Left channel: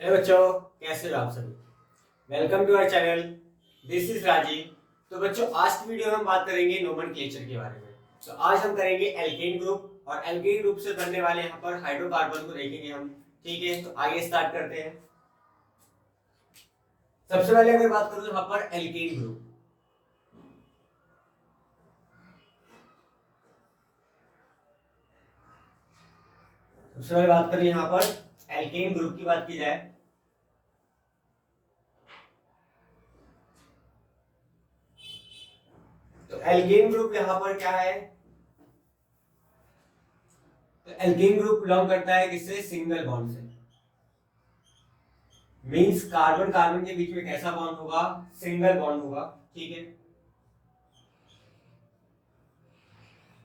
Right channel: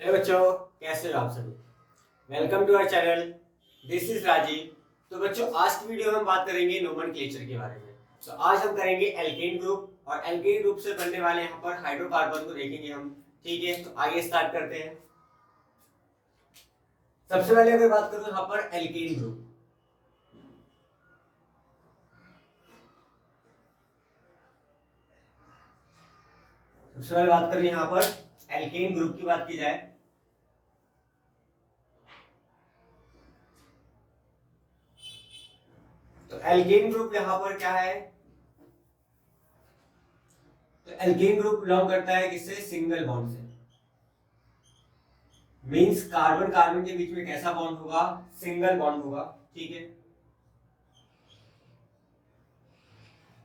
हे बच्चों, कैसे हो आप सभी। Welcome to our channel. This is Rajeev. तो बच्चों, आज की वीडियो में हम बात करेंगे नोमेनक्लेचर के बारे में। तो आज हम करेंगे एल्केन ग्रुप, और एल्केन ग्रुप से बनने वाले यहाँ पर हाइड्रोकार्बन को देखेंगे हम। ठीक है, तो आइए स्टार्ट करते हैं। सबसे पहले अगर बात करूं यहाँ पर एल्केन ग्रुप, सबसे पहले बात करें यहाँ पर एल्केन ग्रुप की बात की जाए तो एल्केन ग्रुप यहाँ पर क्या है। तो एल्केन ग्रुप बिलोंग करता है किससे? सिंगल बॉन्ड से। मींस कार्बन कार्बन के बीच में कैसा बॉन्ड होगा? सिंगल बॉन्ड होगा। ठीक है,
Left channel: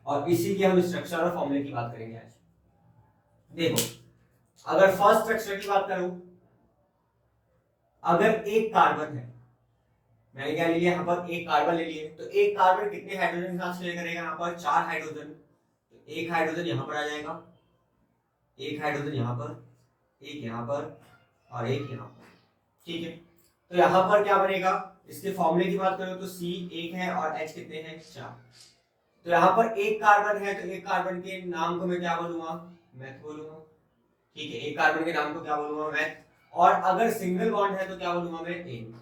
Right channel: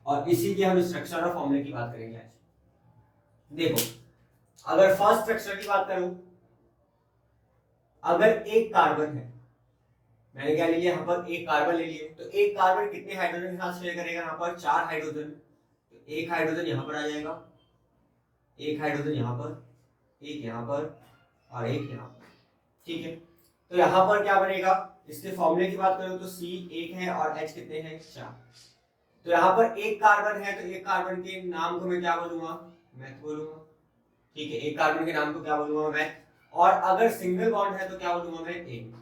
और इसी की हम स्ट्रक्चर और फॉर्मूले की बात करेंगे आज। देखो, अगर फर्स्ट स्ट्रक्चर की बात करूं, अगर एक कार्बन है, मैंने क्या ले लिया यहाँ पर? एक कार्बन ले लिए। तो एक कार्बन कितने हाइड्रोजन के साथ शेयर करेगा? यहाँ पर 4 हाइड्रोजन। तो एक हाइड्रोजन यहाँ पर आ जाएगा, एक हाइड्रोजन यहाँ पर, एक यहाँ पर, और एक यहाँ पर। ठीक है, तो यहाँ पर क्या बनेगा? इसके फॉर्मूले की बात करूं तो C एक है और H कितने हैं? 4। तो यहाँ पर एक कार्बन है, तो एक कार्बन के नाम को मैं क्या बोलूंगा? मैथ बोलूंगा। ठीक है, एक कार्बन के नाम को क्या बोलूंगा? मैथ। और अगर सिंगल बॉन्ड है तो क्या बोलूंगा मैं? एन।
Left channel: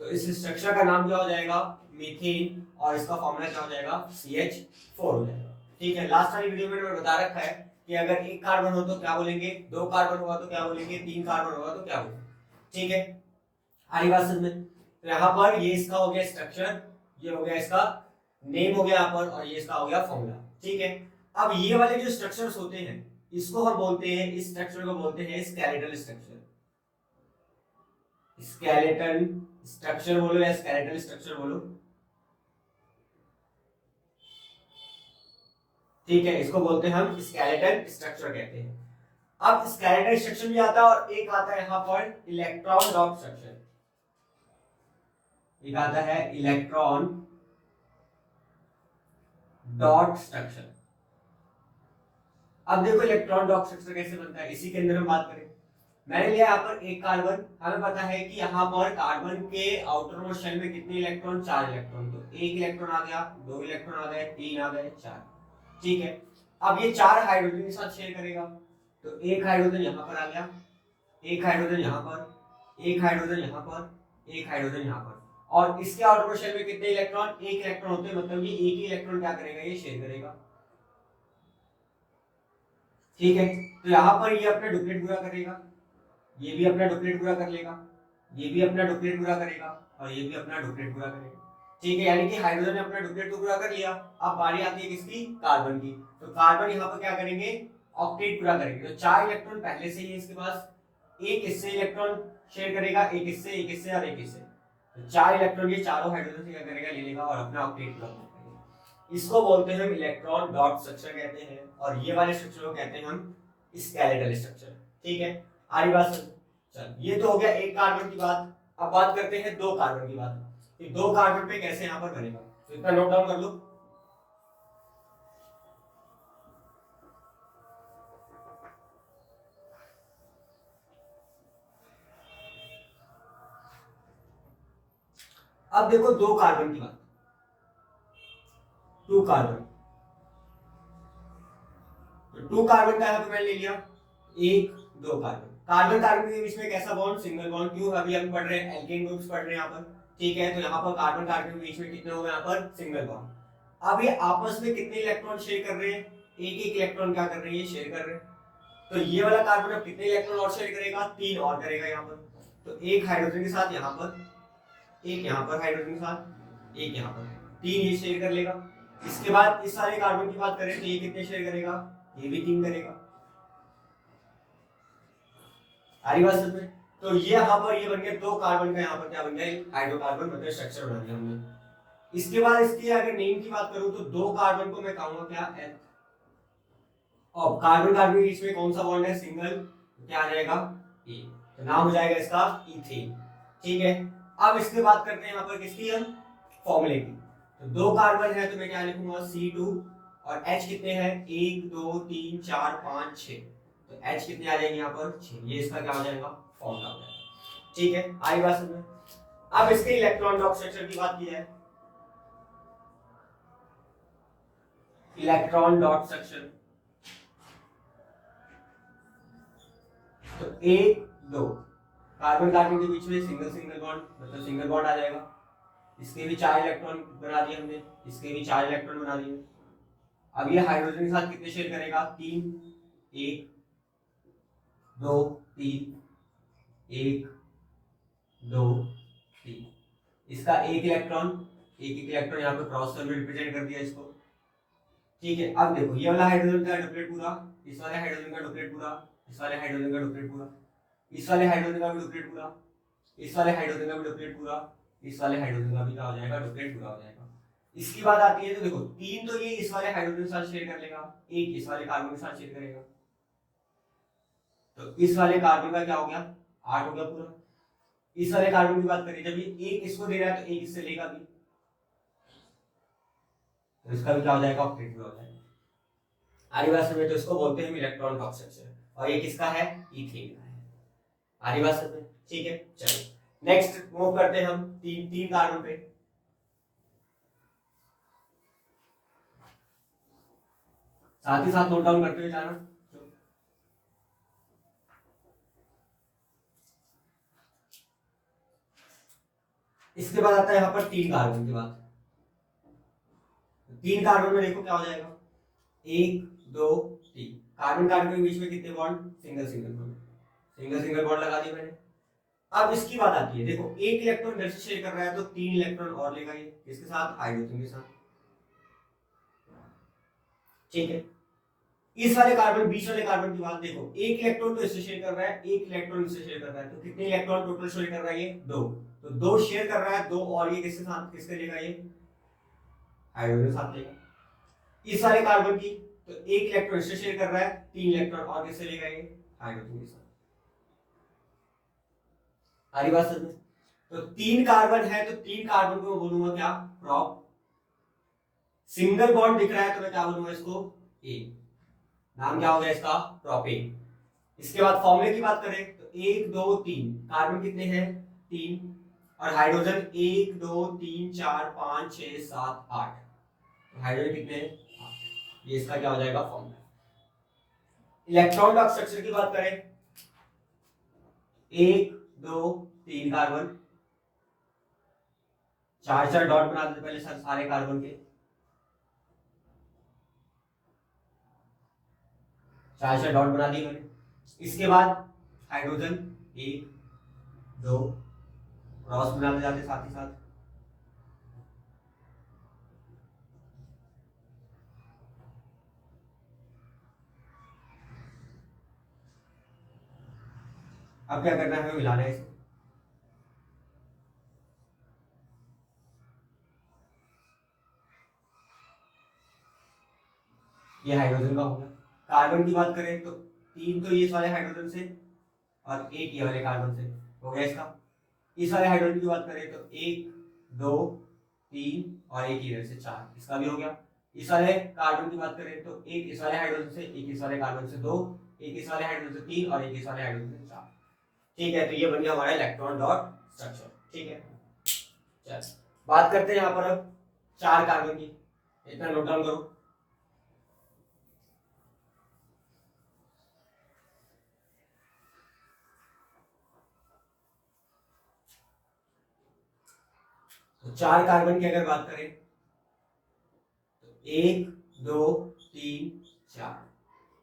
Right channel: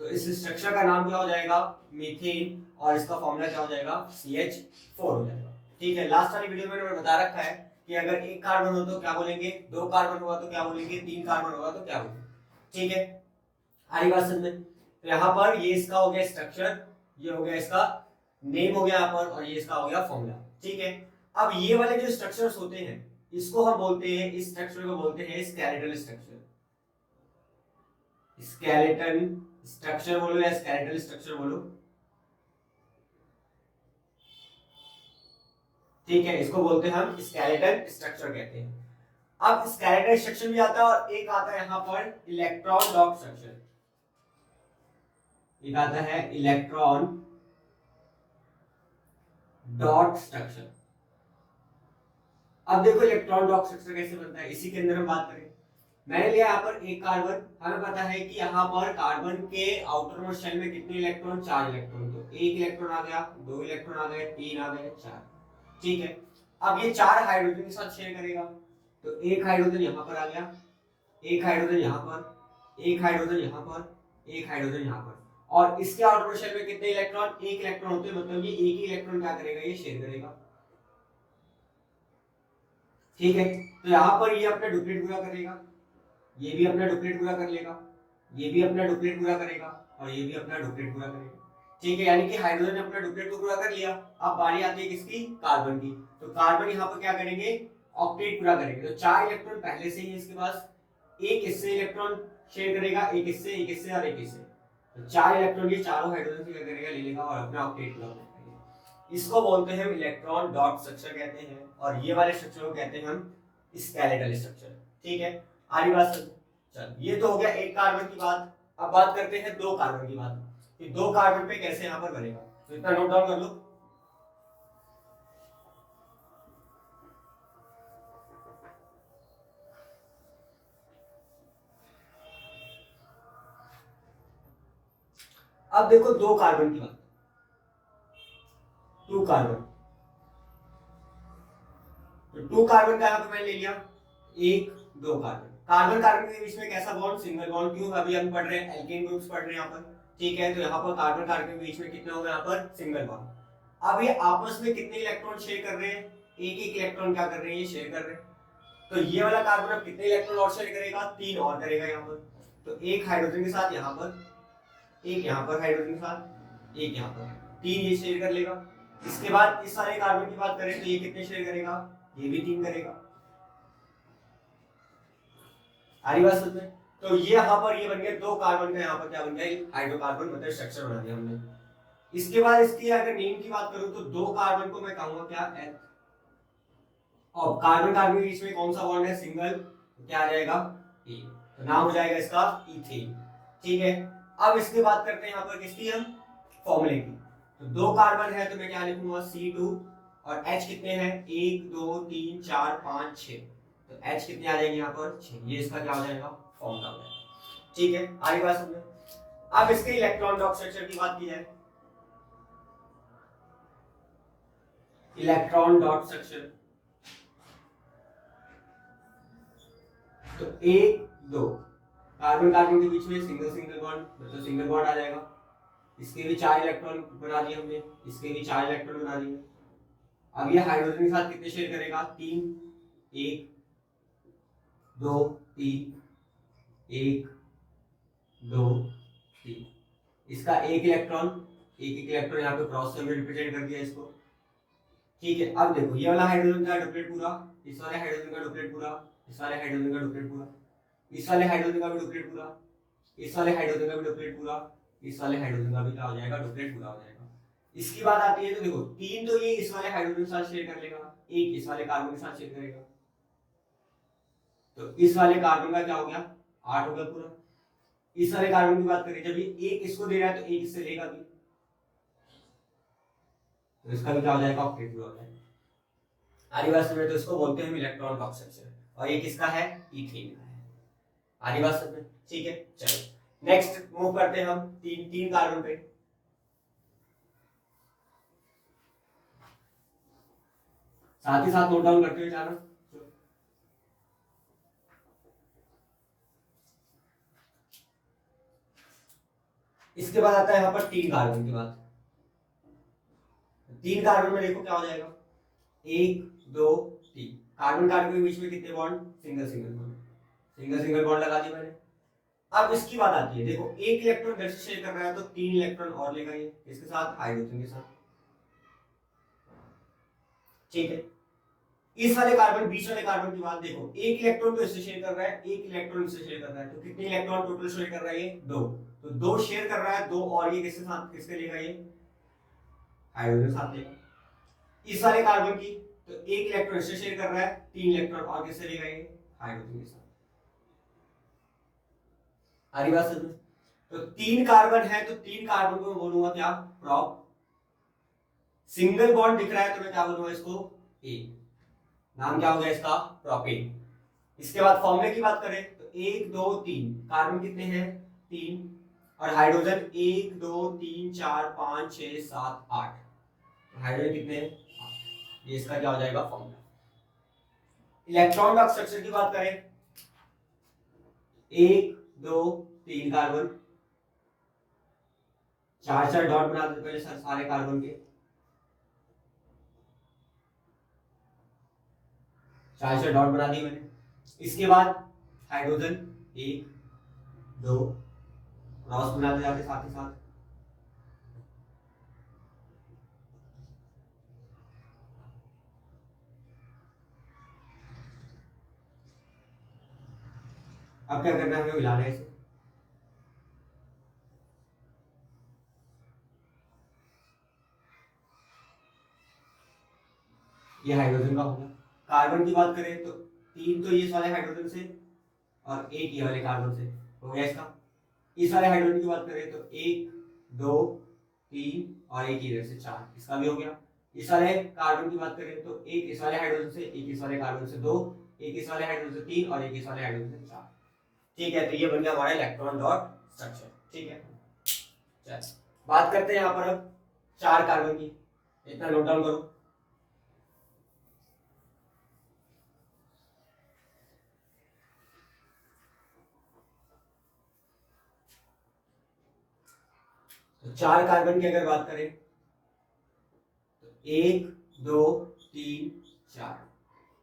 तो इस स्ट्रक्चर का नाम क्या हो जाएगा? मीथेन। और इसका फॉर्मूला क्या हो जाएगा? CH4 हो जाएगा। ठीक है, लास्ट वाली वीडियो में मैंने बता रखा है कि अगर एक कार्बन हो तो क्या बोलेंगे, दो कार्बन होगा तो क्या बोलेंगे, तीन कार्बन होगा तो क्या बोलेंगे। ठीक है, आरी बात समझ में। तो यहाँ पर ये इसका हो गया स्ट्रक्चर, ये हो गया इसका नेम हो गया यहाँ पर, और ये इसका हो गया फॉर्मूला। ठीक है, अब ये वाले जो स्ट्रक्चर्स होते हैं, इसको हम बोलते हैं, इस स्ट्रक्चर को बोलते हैं स्केलेटल स्ट्रक्चर। स्केलेटन स्ट्रक्चर बोलो या स्केलेटल स्ट्रक्चर बोलो। ठीक है, इसको बोलते हैं हम स्केलेटल स्ट्रक्चर कहते हैं। अब स्केलेटल स्ट्रक्चर भी आता है, और एक आता है यहाँ पर इलेक्ट्रॉन डॉट स्ट्रक्चर। एक आता है इलेक्ट्रॉन डॉट स्ट्रक्चर। अब देखो इलेक्ट्रॉन डॉट स्ट्रक्चर कैसे बनता है, इसी के अंदर हम बात करें। मैंने लिया यहाँ पर एक कार्बन, हमें पता है कि यहाँ पर कार्बन के आउटर मोस्ट शेल में कितने इलेक्ट्रॉन? 4 इलेक्ट्रॉन। तो एक इलेक्ट्रॉन आ गया, दो इलेक्ट्रॉन आ गए, तीन आ गए, 4। ठीक है, अब ये 4 हाइड्रोजन के साथ शेयर करेगा। तो एक हाइड्रोजन यहाँ पर आ गया, एक हाइड्रोजन यहाँ पर, एक हाइड्रोजन यहाँ पर, एक हाइड्रोजन यहाँ पर। और इसके आउटर मोस्ट शेल में कितने इलेक्ट्रॉन? एक इलेक्ट्रॉन होते हैं, मतलब ये एक ही इलेक्ट्रॉन क्या करेगा? ये शेयर करेगा। ठीक है, तो यहाँ पर ये अपना डुप्लीट पूरा करेगा, ये भी अपना डुप्लीट पूरा कर लेगा, ये भी अपना डुप्लीट पूरा करेगा, और ये भी अपना डुप्लीट पूरा करेगा। ठीक है, यानी कि हाइड्रोजन ने अपना डुप्लीट तो पूरा कर लिया। अब बारी आती है किसकी? कार्बन की। तो कार्बन यहाँ पर क्या करेंगे? ऑक्टेट पूरा करेंगे। तो 4 इलेक्ट्रॉन पहले से ही इसके पास, एक इससे इलेक्ट्रॉन शेयर करेगा, एक इससे, एक इससे और एक इससे। तो 4 इलेक्ट्रॉन ये चारों हाइड्रोजन से क्या करेगा? ले लेगा और अपना ऑक्टेट पूरा करेगा। इसको बोलते हैं इलेक्ट्रॉन डॉट स्ट्रक्चर कहते हैं, और ये वाले स्ट्रक्चर को कहते हैं हम स्केलेटल स्ट्रक्चर। ठीक है, आरी बात समझ। चल, ये तो हो गया एक कार्बन की बात। अब बात करते हैं दो कार्बन की बात, कि दो कार्बन पे कैसे यहाँ पर बनेगा। तो इतना नोट डाउन कर लो। अब देखो दो कार्बन की बात, टू कार्बन। तो टू कार्बन का यहाँ पे मैंने ले लिया, एक दो कार्बन। कार्बन कार्बन के बीच में कैसा बॉन्ड? Single bond. क्यों? अभी हम पढ़ रहे हैं एल्केन ग्रुप्स पढ़ रहे हैं यहाँ पर। ठीक है, तो यहाँ पर कार्बन कार्बन के बीच में कितना होगा? यहाँ पर सिंगल बॉन्ड। अब ये आपस में कितने इलेक्ट्रॉन शेयर कर रहे हैं? एक एक इलेक्ट्रॉन क्या कर रहे हैं? ये शेयर कर रहे हैं। तो ये वाला कार्बन अब कितने इलेक्ट्रॉन और शेयर करेगा? 3 और करेगा यहाँ पर। तो एक हाइड्रोजन के साथ यहाँ पर, एक यहाँ पर हाइड्रोजन के साथ, एक यहाँ पर, 3 ये शेयर कर लेगा। इसके बाद इस सारे कार्बन की बात करें तो ये कितने शेयर करेगा? ये भी 3 करेगा। आरी बात समझ में। तो ये यहाँ पर ये बन गया दो कार्बन का, यहाँ पर क्या बन गया? हाइड्रोकार्बन, मतलब स्ट्रक्चर बना दिया हमने। इसके बाद इसकी अगर नेम की बात करूं तो दो कार्बन को मैं कहूंगा क्या? एथ। और कार्बन कार्बन के बीच में कौन सा बॉन्ड है? सिंगल। क्या आ जाएगा? ए। तो नाम हो जाएगा इसका इथेन। ठीक है, अब इसकी बात करते हैं यहाँ पर किसकी? हम फॉर्मूले की। तो दो कार्बन है तो मैं क्या लिखूंगा? C2। और H कितने हैं? 1 2 3 4 5 6। तो H कितने आ जाएंगे यहाँ पर 6, ये इसका क्या हो जाएगा फॉर्मूला हो जाएगा। ठीक है, आगे बात समझ में। अब इसके इलेक्ट्रॉन डॉट स्ट्रक्चर की बात की जाए, इलेक्ट्रॉन डॉट स्ट्रक्चर, तो 1 2 कार्बन कार्बन के बीच में सिंगल सिंगल बॉन्ड, मतलब सिंगल बॉन्ड आ जाएगा। इसके भी 4 इलेक्ट्रॉन बना दिए हमने, इसके भी 4 इलेक्ट्रॉन बना दिए। अब ये हाइड्रोजन के साथ कितने शेयर करेगा 3, 1 2 3, 1 2 3। इसका एक एक इलेक्ट्रॉन यहाँ पे क्रॉस में रिप्रेजेंट कर दिया इसको। ठीक है, अब देखो ये वाला हाइड्रोजन का डुप्लेट पूरा, इस वाले हाइड्रोजन का डुप्लेट पूरा, इस वाले हाइड्रोजन का डुप्लेट पूरा, इस वाले हाइड्रोजन का भी डुप्लेट पूरा, इस वाले हाइड्रोजन का भी डुप्लेट पूरा, इस वाले हाइड्रोजन का भी क्या हो जाएगा डुप्लेट पूरा हो जाएगा। इसकी बात आती है तो देखो 3 तो ये इस वाले हाइड्रोजन के साथ शेयर कर लेगा, 1 इस वाले कार्बन के साथ शेयर करेगा, तो इस वाले कार्बन का क्या हो गया 8 हो गया पूरा। इस वाले कार्बन की बात करें, जब ये 1 इसको दे रहा है तो 1 इससे लेगा भी, तो इसका भी क्या हो जाएगा ऑक्टेट भी हो जाएगा। आगे बात समझे, तो इसको बोलते हैं इलेक्ट्रॉन डॉट स्ट्रक्चर, और ये किसका है ईथेन का है। आगे बात समझे, ठीक है। चलो नेक्स्ट मूव करते हैं हम तीन कार्बन पे। साथ ही साथ नोट डाउन करते हुए जाना। इसके बाद आता है यहाँ पर 3 कार्बन की बात। 3 कार्बन में देखो क्या हो जाएगा 1 2 3, कार्बन कार्बन के बीच में कितने bond single single bond, single single bond लगा दिया मैंने। अब इसकी बात आती है, देखो एक इलेक्ट्रॉन घर से शेयर कर रहा है तो 3 इलेक्ट्रॉन और लेगा ये इसके साथ हाइड्रोजन के साथ। ठीक है, इस वाले कार्बन बीच वाले कार्बन की बात देखो, एक इलेक्ट्रॉन तो इससे शेयर कर रहा है, एक इलेक्ट्रॉन इससे शेयर कर रहा है, तो कितने इलेक्ट्रॉन टोटल शेयर कर रहा है ये 2, तो 2 शेयर कर रहा है 2, और ये किसके साथ किसके लेगा ये हाइड्रोजन साथ लेगा। इस वाले कार्बन की तो एक इलेक्ट्रॉन इससे शेयर कर रहा है, 3 इलेक्ट्रॉन और किससे लेगा ये हाइड्रोजन के साथ। आरी बात समझ में, तो 3 कार्बन है तो 3 कार्बन को मैं बोलूंगा क्या प्रॉप, सिंगल बॉन्ड दिख रहा है तो मैं क्या बोलूंगा इसको ए, नाम क्या हो गया इसका प्रोपेन। इसके बाद फॉर्मूले की बात करें तो 1 2 3, कार्बन कितने हैं 3, और हाइड्रोजन 1 2 3 4 5 6 7 8, हाइड्रोजन कितने हैं 8, ये इसका क्या हो जाएगा फॉर्मूला। इलेक्ट्रॉन डॉट स्ट्रक्चर की बात करें 1 2 3 कार्बन, 4 डॉट बना देते पहले सारे कार्बन के, 4 डॉट बना दी मैंने। इसके बाद हाइड्रोजन 1 2 क्रॉस बनाते जाते साथ ही साथ, अब क्या करना है हमें मिलाना है इसे, ये हाइड्रोजन का हो गया। कार्बन की बात करें तो 3 तो ये वाले हाइड्रोजन से और 1 ये वाले कार्बन से हो गया इसका। इस वाले हाइड्रोजन की बात करें तो 1 2 3 और 1 इधर से 4, इसका भी हो गया। इस वाले कार्बन की बात करें तो 1 इस वाले हाइड्रोजन से, 1 इस वाले कार्बन से 2, 1 इस वाले हाइड्रोजन से 3 और 1 इस वाले हाइड्रोजन से 4। ठीक है, तो ये बन गया हमारा इलेक्ट्रॉन डॉट स्ट्रक्चर। ठीक है, चल बात करते हैं यहाँ पर अब 4 कार्बन की, इतना नोट डाउन करो। तो 4 कार्बन की अगर बात करें तो 1 2 3 4,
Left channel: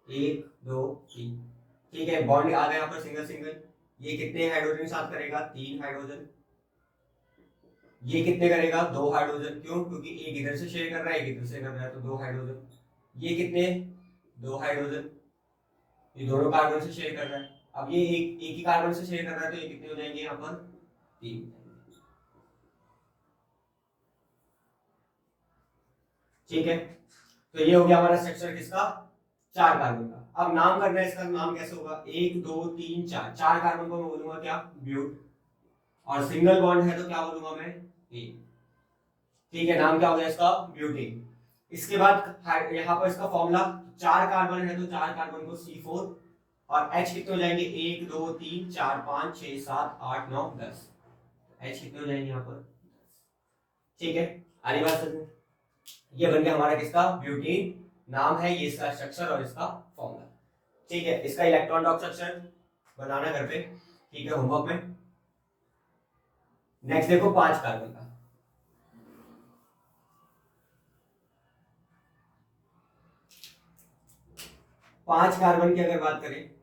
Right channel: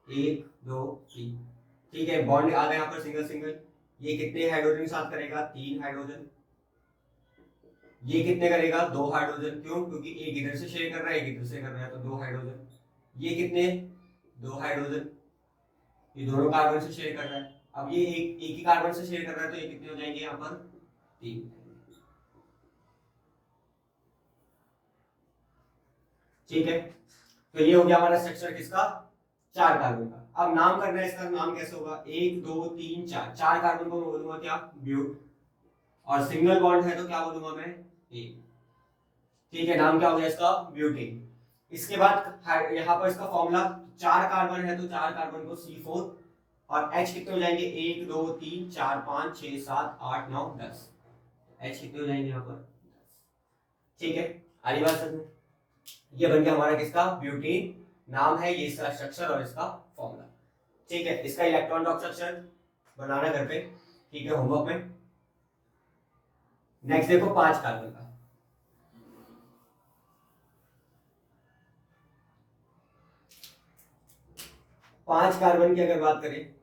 1 2 3। ठीक है, बॉन्ड आ गया यहाँ पर सिंगल सिंगल। ये कितने हाइड्रोजन साथ करेगा 3 हाइड्रोजन, ये कितने करेगा 2 हाइड्रोजन, क्यों क्योंकि एक इधर से शेयर कर रहा है एक इधर से कर रहा है तो 2 हाइड्रोजन। ये कितने 2 हाइड्रोजन, ये दोनों कार्बन से शेयर कर रहा है। अब ये एक ही कार्बन से शेयर कर रहा है तो ये कितने हो जाएंगे यहाँ पर 3। ठीक है, तो ये हो गया हमारा स्ट्रक्चर किसका 4 कार्बन का। अब नाम करना है इसका, नाम कैसे होगा 1 2 3 4, 4 कार्बन को मैं बोलूंगा क्या ब्यूट, और सिंगल बॉन्ड है तो क्या बोलूंगा मैं ए। ठीक है, नाम क्या हो गया इसका ब्यूटेन। इसके बाद यहाँ पर इसका फॉर्मूला 4 कार्बन है तो 4 कार्बन को C4, और H कितने हो जाएंगे 1 2 3 4 5 6 7 8 9 10, H कितने हो जाएंगे यहाँ पर, ठीक है। आगे बात समझ, ये बन गया हमारा किसका, ब्यूटीन नाम है, ये इसका स्ट्रक्चर और इसका फॉर्मूला, ठीक है। इसका इलेक्ट्रॉन डॉट स्ट्रक्चर बनाना घर पे, ठीक है, होमवर्क में। नेक्स्ट देखो 5 कार्बन का, पांच कार्बन की अगर बात करें,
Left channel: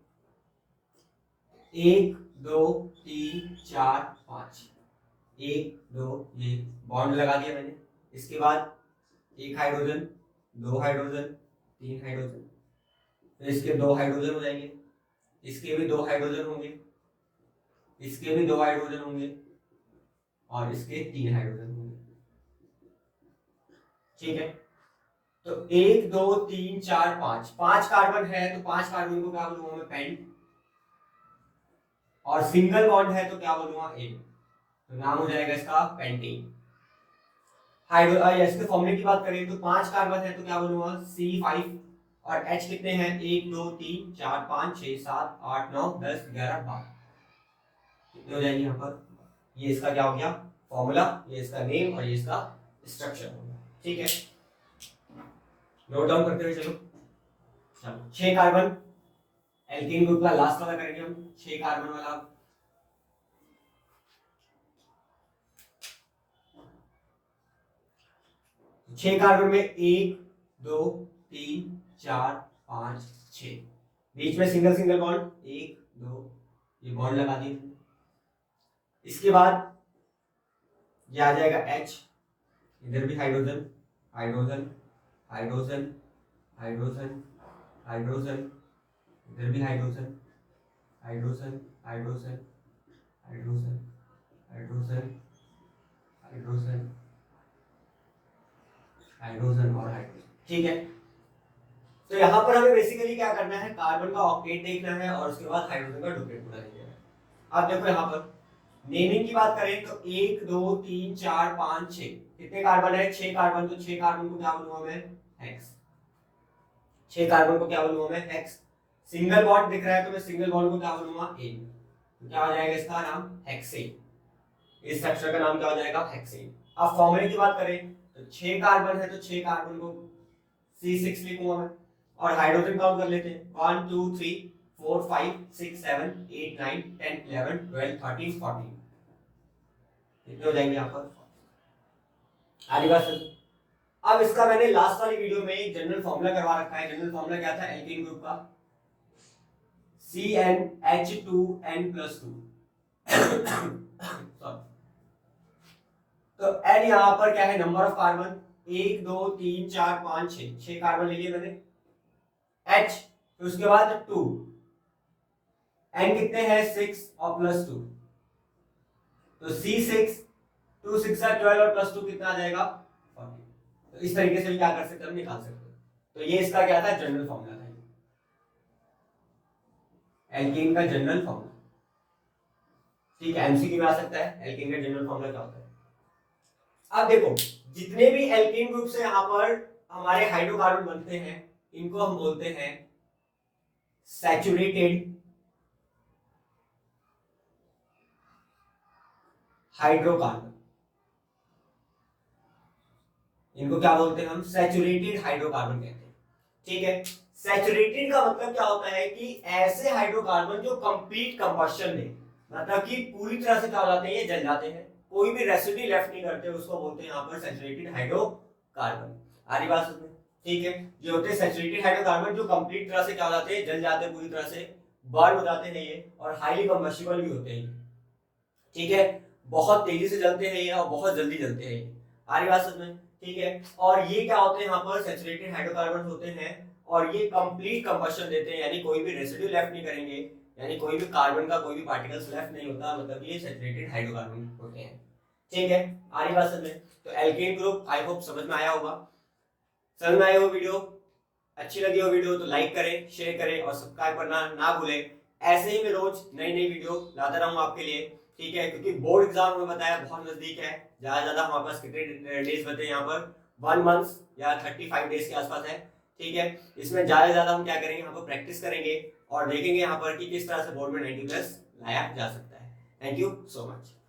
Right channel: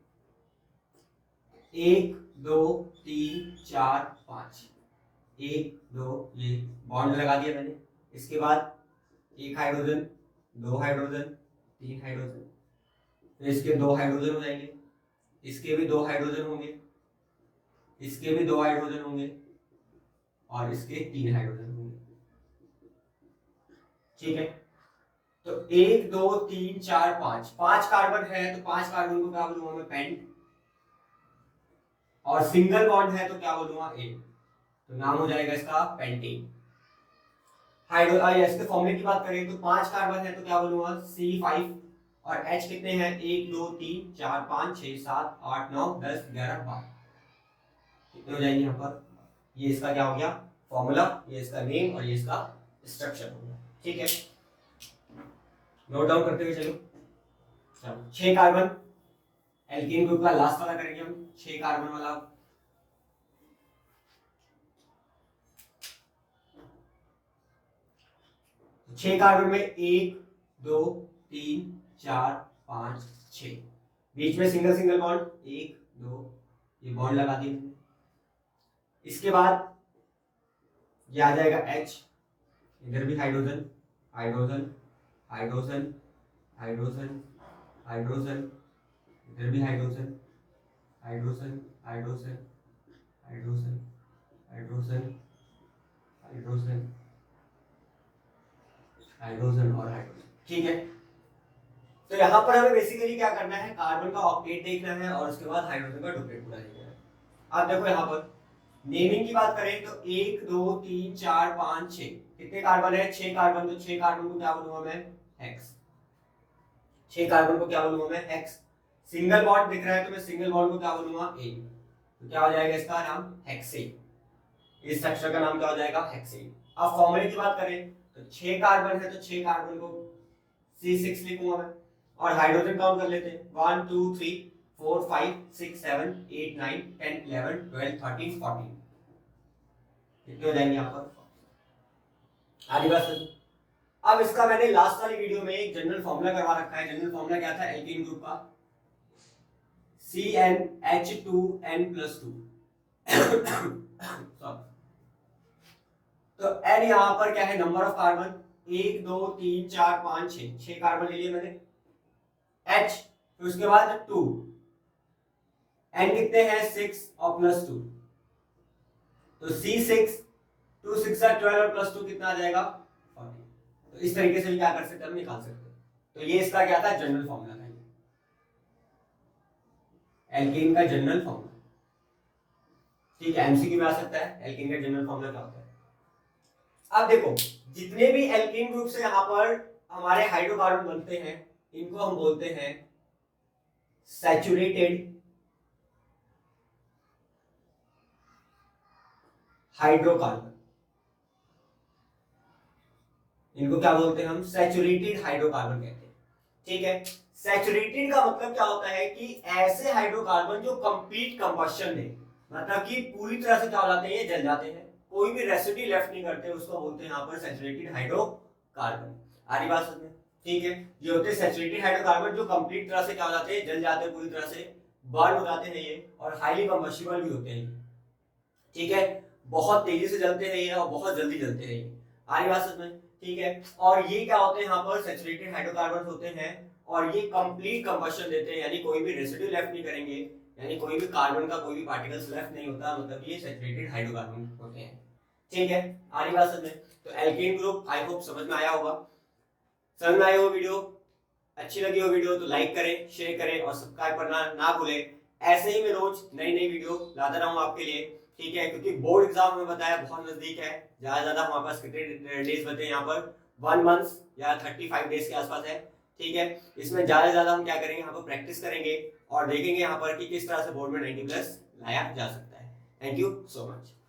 1 2 3 4 5, 1 2, ये बॉन्ड लगा दिया मैंने। इसके बाद एक हाइड्रोजन, दो हाइड्रोजन, तीन हाइड्रोजन, तो इसके दो हाइड्रोजन हो जाएंगे, इसके भी दो हाइड्रोजन होंगे, इसके भी दो हाइड्रोजन होंगे, और इसके तीन हाइड्रोजन होंगे, ठीक है। तो 1 2 3 4 5, 5 कार्बन है तो 5 कार्बन को क्या बोलूंगा मैं, पेंट, और सिंगल बॉन्ड है तो क्या बोलूंगा, ए, तो नाम हो जाएगा इसका पेंटीन। हाइड्रो इसके फॉर्मूले की बात करें तो 5 कार्बन है तो क्या बोलूंगा, C5, और H कितने हैं, 1 2 3 4 5 6 7 8 9 10 11 12, कितने हो जाएंगे यहाँ पर, ये इसका क्या हो गया फॉर्मूला, ये इसका नेम, और ये इसका स्ट्रक्चर हो गया, ठीक है। नोट डाउन करते हुए चलो। 6 कार्बन, एल्कीन ग्रुप का लास्ट वाला करेंगे हम, 6 कार्बन वाला। छह कार्बन में 1 2 3 4 5 6, बीच में सिंगल सिंगल बॉन्ड, 1 2, ये बॉन्ड लगा दिए। इसके बाद ये आ जाएगा H, इधर भी hydrogen hydrogen hydrogen hydrogen hydrogen, इधर भी hydrogen hydrogen hydrogen hydrogen hydrogen hydrogen hydrogen और हाइड्रोजन, ठीक है। तो यहाँ पर हमें बेसिकली क्या करना है, कार्बन का ऑक्टेट देखना है और उसके बाद हाइड्रोजन का डुप्लेट पूरा देखना है। अब देखो यहाँ पर नेमिंग की बात करें तो 1 2 3 4 5 6, कितने कार्बन है, 6 कार्बन, तो 6 कार्बन को क्या बोलूंगा मैं, हेक्स, 6 कार्बन को क्या बोलूंगा मैं, हेक्स। सिंगल बॉन्ड दिख रहा है तो मैं सिंगल बॉन्ड को क्या बोलूंगा, ए, तो क्या हो जाएगा इसका नाम, हेक्सेन, इस स्ट्रक्चर का नाम क्या हो जाएगा, हेक्सेन। अब फॉर्मूले की बात करें तो 6 कार्बन है तो 6 कार्बन को C6 लिखूंगा मैं, और हाइड्रोजन काउंट कर लेते हैं, 1 2 3 4 5 6 7 8 9 10 11 12 13 14, कितने हो जाएंगे यहाँ पर, आगे बात सुन। अब इसका मैंने लास्ट वाली वीडियो में एक जनरल फॉर्मूला करवा रखा है। जनरल फॉर्मूला क्या था, एल्कीन ग्रुप का, CnH2n+2 तो N यहाँ पर क्या है, नंबर ऑफ कार्बन, 1 2 3 4 5 6, 6 कार्बन ले लिए मैंने। H, तो उसके बाद 2, N कितने हैं, 6 और +2, तो C6, 2 6 12 और +2 कितना आ जाएगा, 40। तो इस तरीके से क्या कर सकते हैं, हम निकाल सकते हैं। तो ये इसका क्या था, जनरल फॉर्मूला था, एल्कीन का जनरल फॉर्मूला, ठीक है। एमसीक्यू में आ सकता है एल्कीन का जनरल फॉर्मूला क्या होता है। अब देखो जितने भी एल्कीन ग्रुप से यहाँ पर हमारे हाइड्रोकार्बन बनते हैं, इनको हम बोलते हैं सैचुरेटेड हाइड्रोकार्बन, इनको क्या बोलते हैं हम, सैचुरेटेड हाइड्रोकार्बन कहते हैं, ठीक है। सैचुरेटेड का मतलब क्या होता है कि ऐसे हाइड्रोकार्बन जो कंप्लीट कंबशन दे, मतलब कि पूरी तरह से क्या हो जाते हैं, ये जल जाते हैं, कोई भी रेसिड्यू लेफ्ट नहीं करते, उसको बोलते हैं यहाँ पर सैचुरेटेड हाइड्रोकार्बन। आरी बात समझ में, ठीक है। ये होते हैं सैचुरेटेड हाइड्रोकार्बन जो कंप्लीट तरह से क्या हो जाते हैं, जल जाते हैं, पूरी तरह से बर्न हो जाते हैं ये, और हाईली कंबस्टिबल भी होते हैं, ठीक है। बहुत तेजी से जलते हैं ये और बहुत जल्दी जलते हैं ये, आरी बात समझ में, ठीक है। और ये क्या होते हैं, यहाँ पर सैचुरेटेड हाइड्रोकार्बन होते हैं और ये कंप्लीट कंबशन देते हैं, यानी कोई भी रेसिड्यू लेफ्ट नहीं करेंगे, यानी कोई भी कार्बन का कोई भी पार्टिकल्स लेफ्ट नहीं होता, मतलब ये सैचुरेटेड हाइड्रोकार्बन होते हैं, ठीक है। आरी बात समझ में। तो एल्केन ग्रुप आई होप समझ में आया होगा। समझ में आया हो वीडियो, अच्छी लगी हो वीडियो तो लाइक करें, शेयर करें और सब्सक्राइब करना ना भूलें। ऐसे ही मैं रोज नई नई वीडियो लाता रहूंगा आपके लिए, ठीक है। क्योंकि बोर्ड एग्जाम हमें बताया बहुत नजदीक है, ज्यादा हमारे पास कितने डेज बचे यहाँ पर, 1 मंथ या 35 डेज के आसपास है, ठीक है। इसमें ज्यादा हम क्या करेंगे, यहाँ पर प्रैक्टिस करेंगे और देखेंगे यहाँ पर कि किस तरह से बोर्ड में 90 प्लस लाया जा सकता है। Thank you so much.